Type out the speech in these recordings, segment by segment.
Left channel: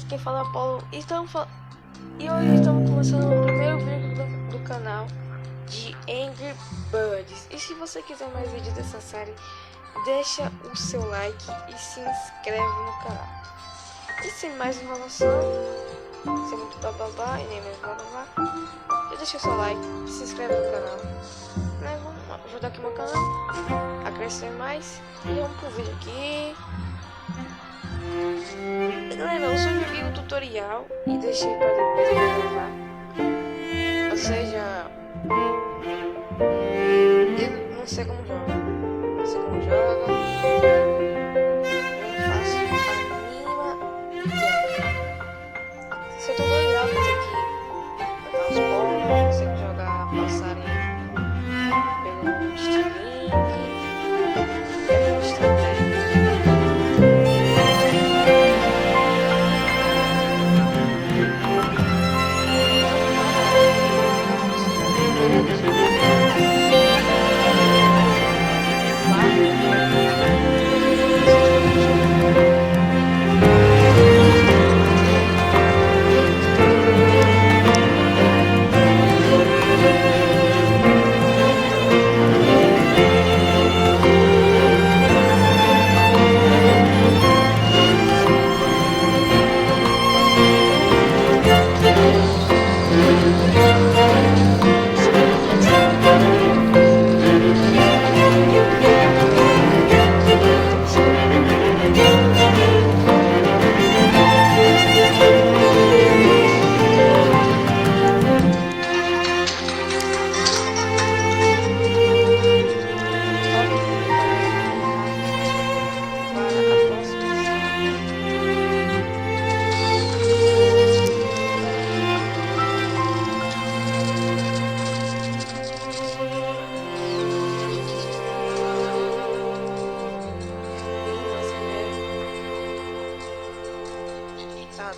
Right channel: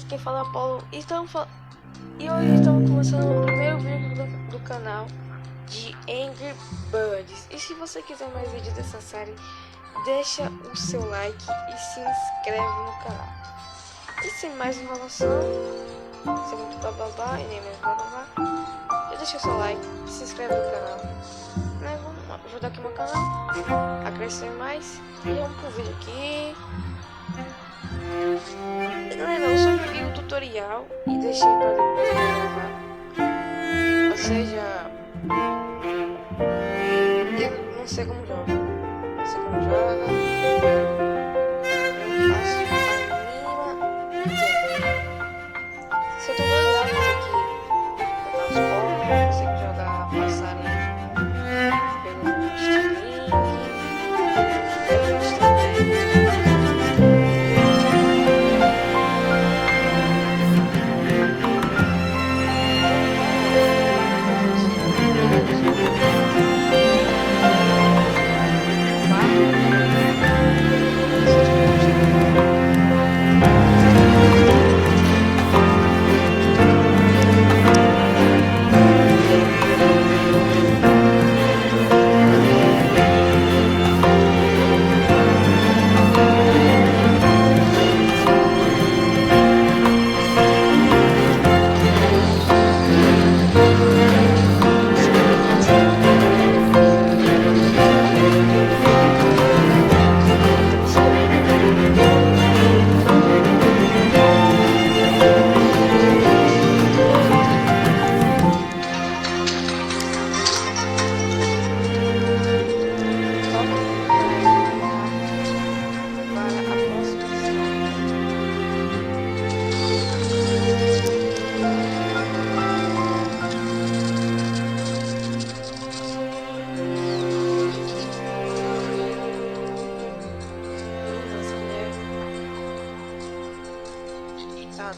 aqui quem fala é o Paulo e hoje estamos começando o primeiro vídeo do canal de Angry Birds. E se você quiser mais vídeos dessa série, deixa o seu like e se inscreve no canal. E sem mais enrolação, sem muito bababá e nem mesmo bababá, já deixa o seu like, se inscreve no canal, né? Vamos ajudar aqui meu canal a crescer mais. E vamos pro vídeo aqui. Galera, eu só joguei o tutorial e deixei pra depois gravar. Ou seja, eu não sei como joga. Não sei como joga. Eu não faço a mínima ideia. Se eu tô tutorial, fazer aqui botar os povos, consegue jogar passarinho pelo estilingue, pelo estratégia.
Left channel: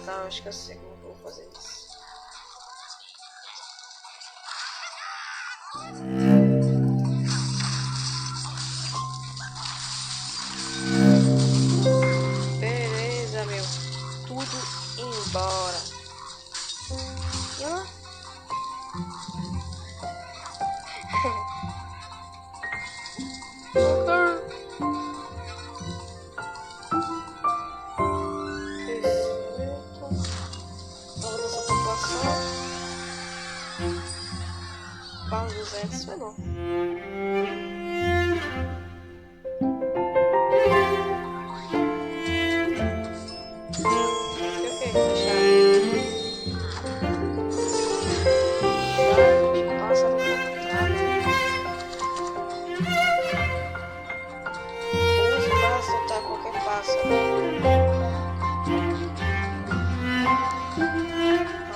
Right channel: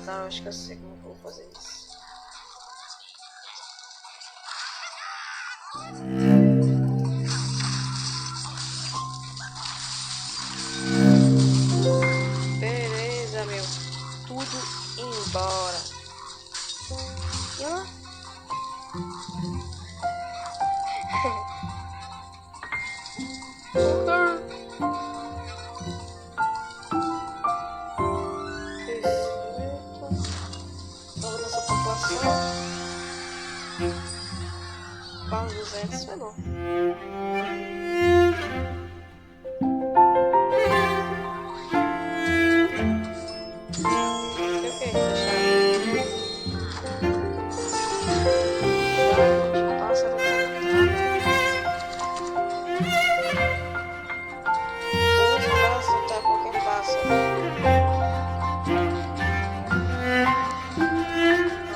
Tá, acho que eu sei como que eu vou fazer isso. Beleza, meu. Tudo embora. E lá? Vamos nossa população. Para 200 foi bom. Qualquer pássaro.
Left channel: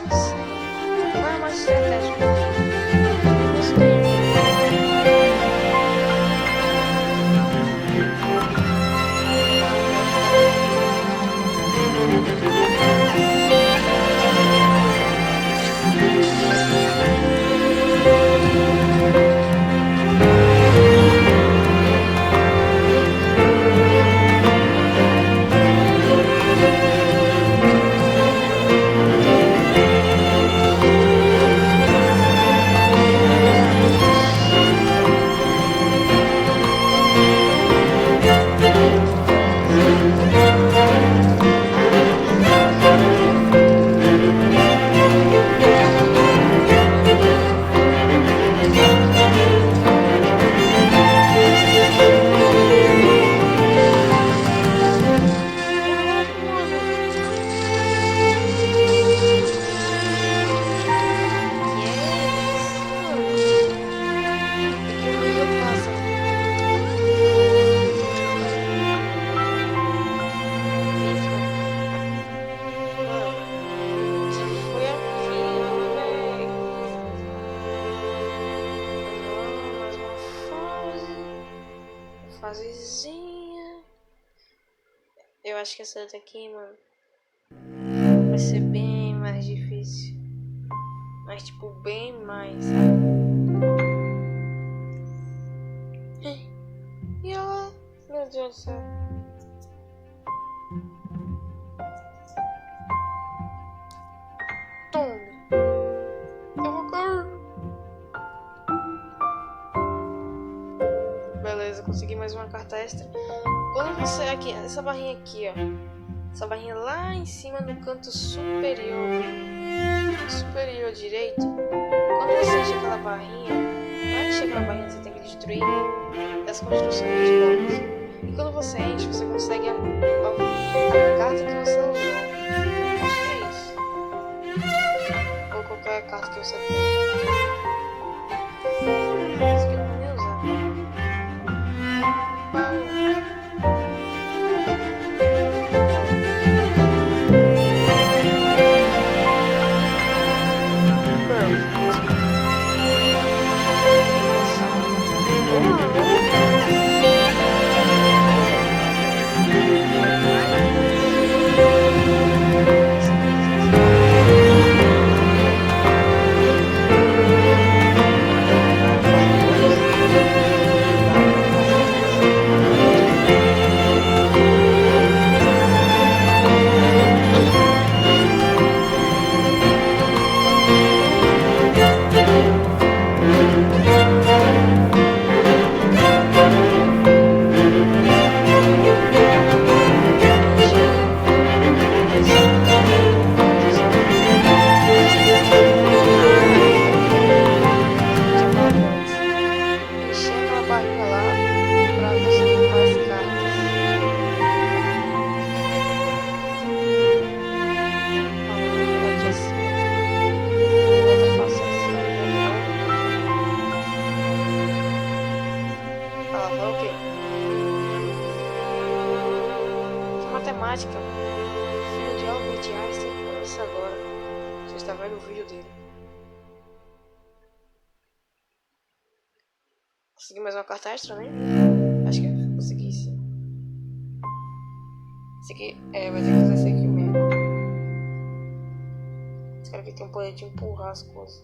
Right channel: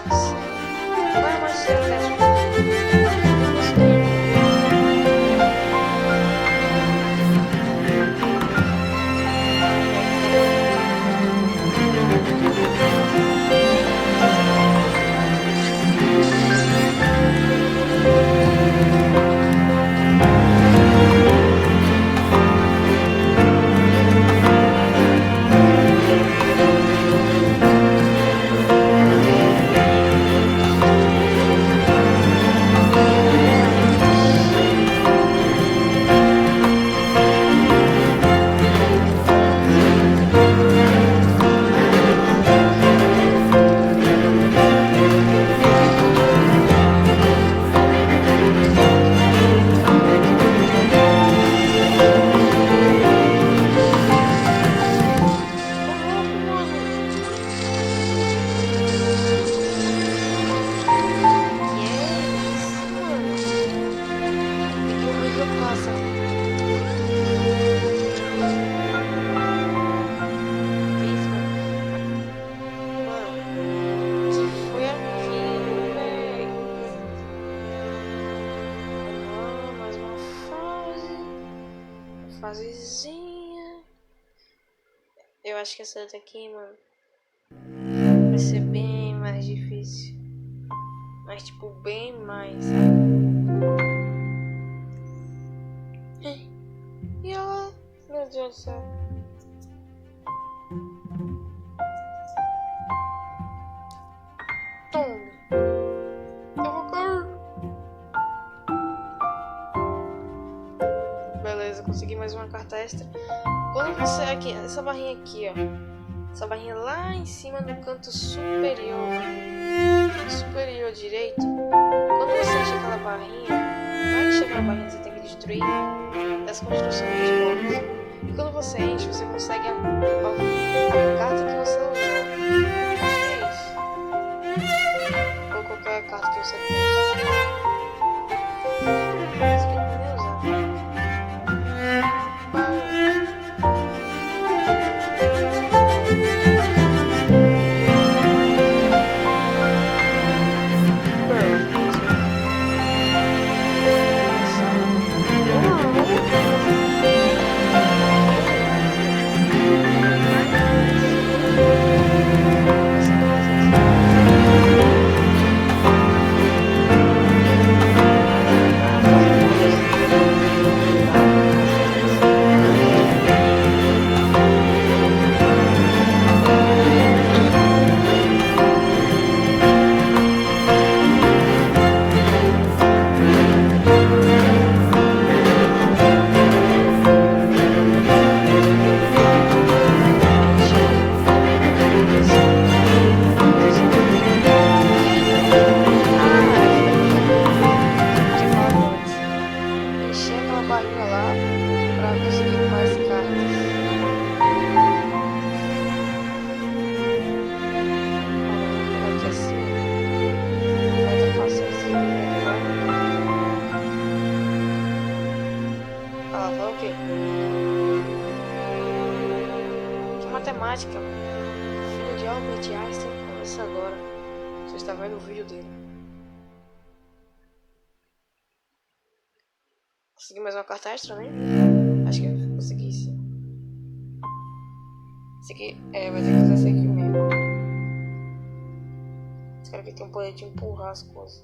Nossa, qual é a mais estratégica? Eu gostei. Fasezinha. Eu acho que essa daqui, mano, vai ser bem mais difícil. Mas tipo, bem mais, sabe? E ela, meu Deus do céu. mais uma carta extra. Quando você aqui, essa barrinha aqui, ó, essa barrinha lá em cima no canto superior direito, quando você enche aquela barrinha, para encher aquela barrinha você tem que destruir as construções dos blocos. E quando você enche, você consegue a carta que você usou. Acho que é isso. Ou qualquer carta que você tem. Isso que eu não vou nem usar. Matemática, filho de Albert Einstein, começa agora. Você está vendo o vídeo dele. Consegui mais uma carta extra, né? Acho que eu consegui, sim. Esse aqui, vai ter que fazer esse aqui mesmo. Esse cara aqui tem um poder de empurrar as coisas.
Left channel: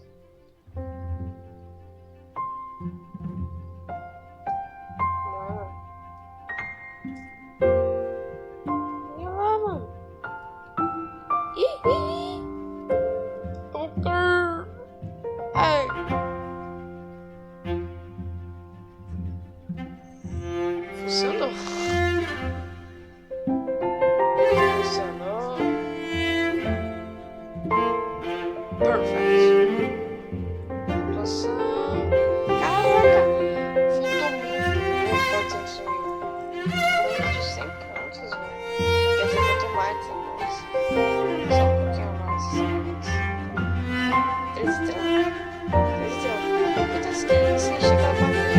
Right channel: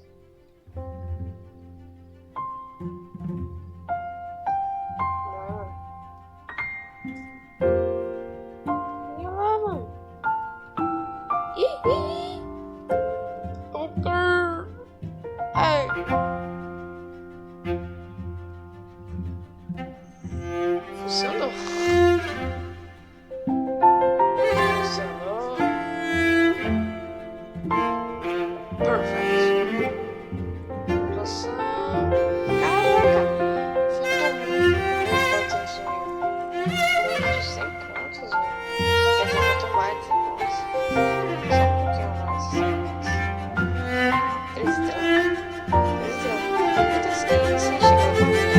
Funcionou. Funcionou. Perfect. Pontuação. Caraca! Faltou muito. 400 mil. Faltou menos de 100 pontos, velho. Quer dizer, faltou mais de 100 pontos. Só um pouquinho mais de 100 pontos. 13 estrelas. 13 estrelas. Puta, se encher aquela parte de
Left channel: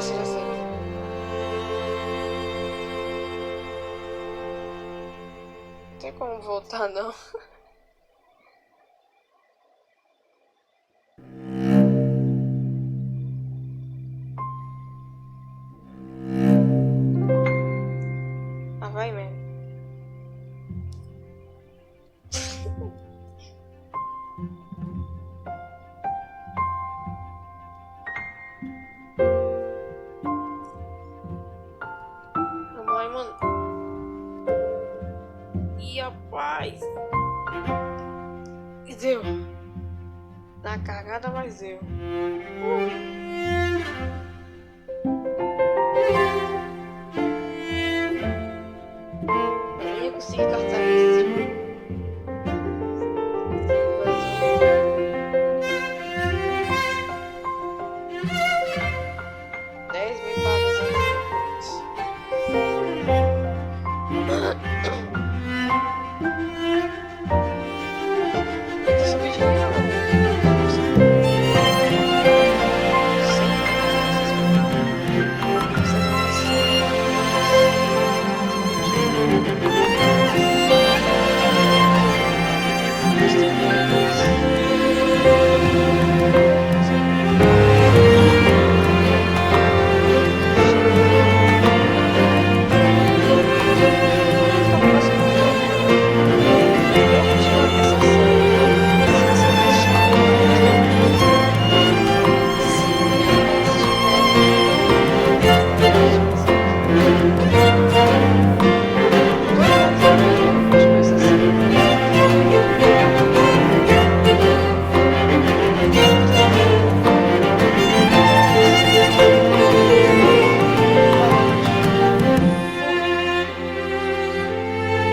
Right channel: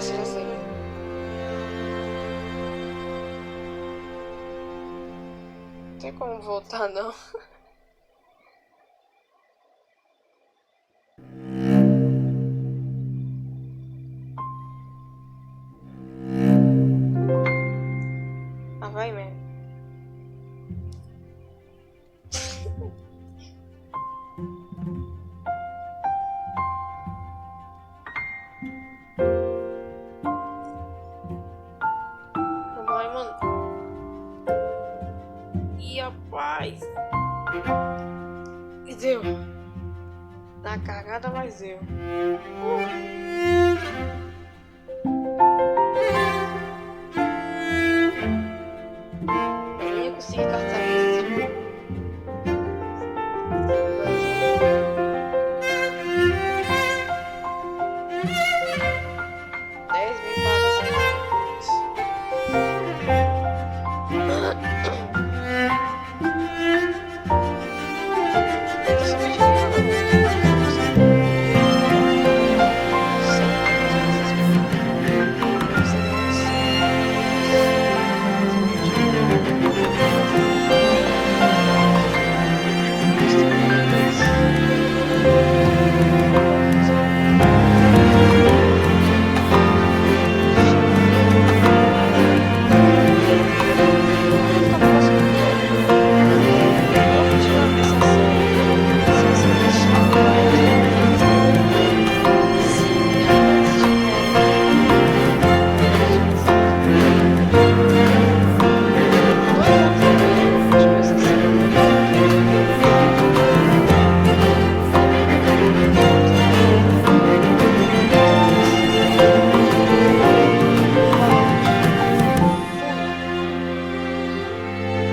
já sei. Não tem como voltar, não. Ah, vai mesmo. Vai, mano. E rapaz. E deu. Na cagada, mas deu.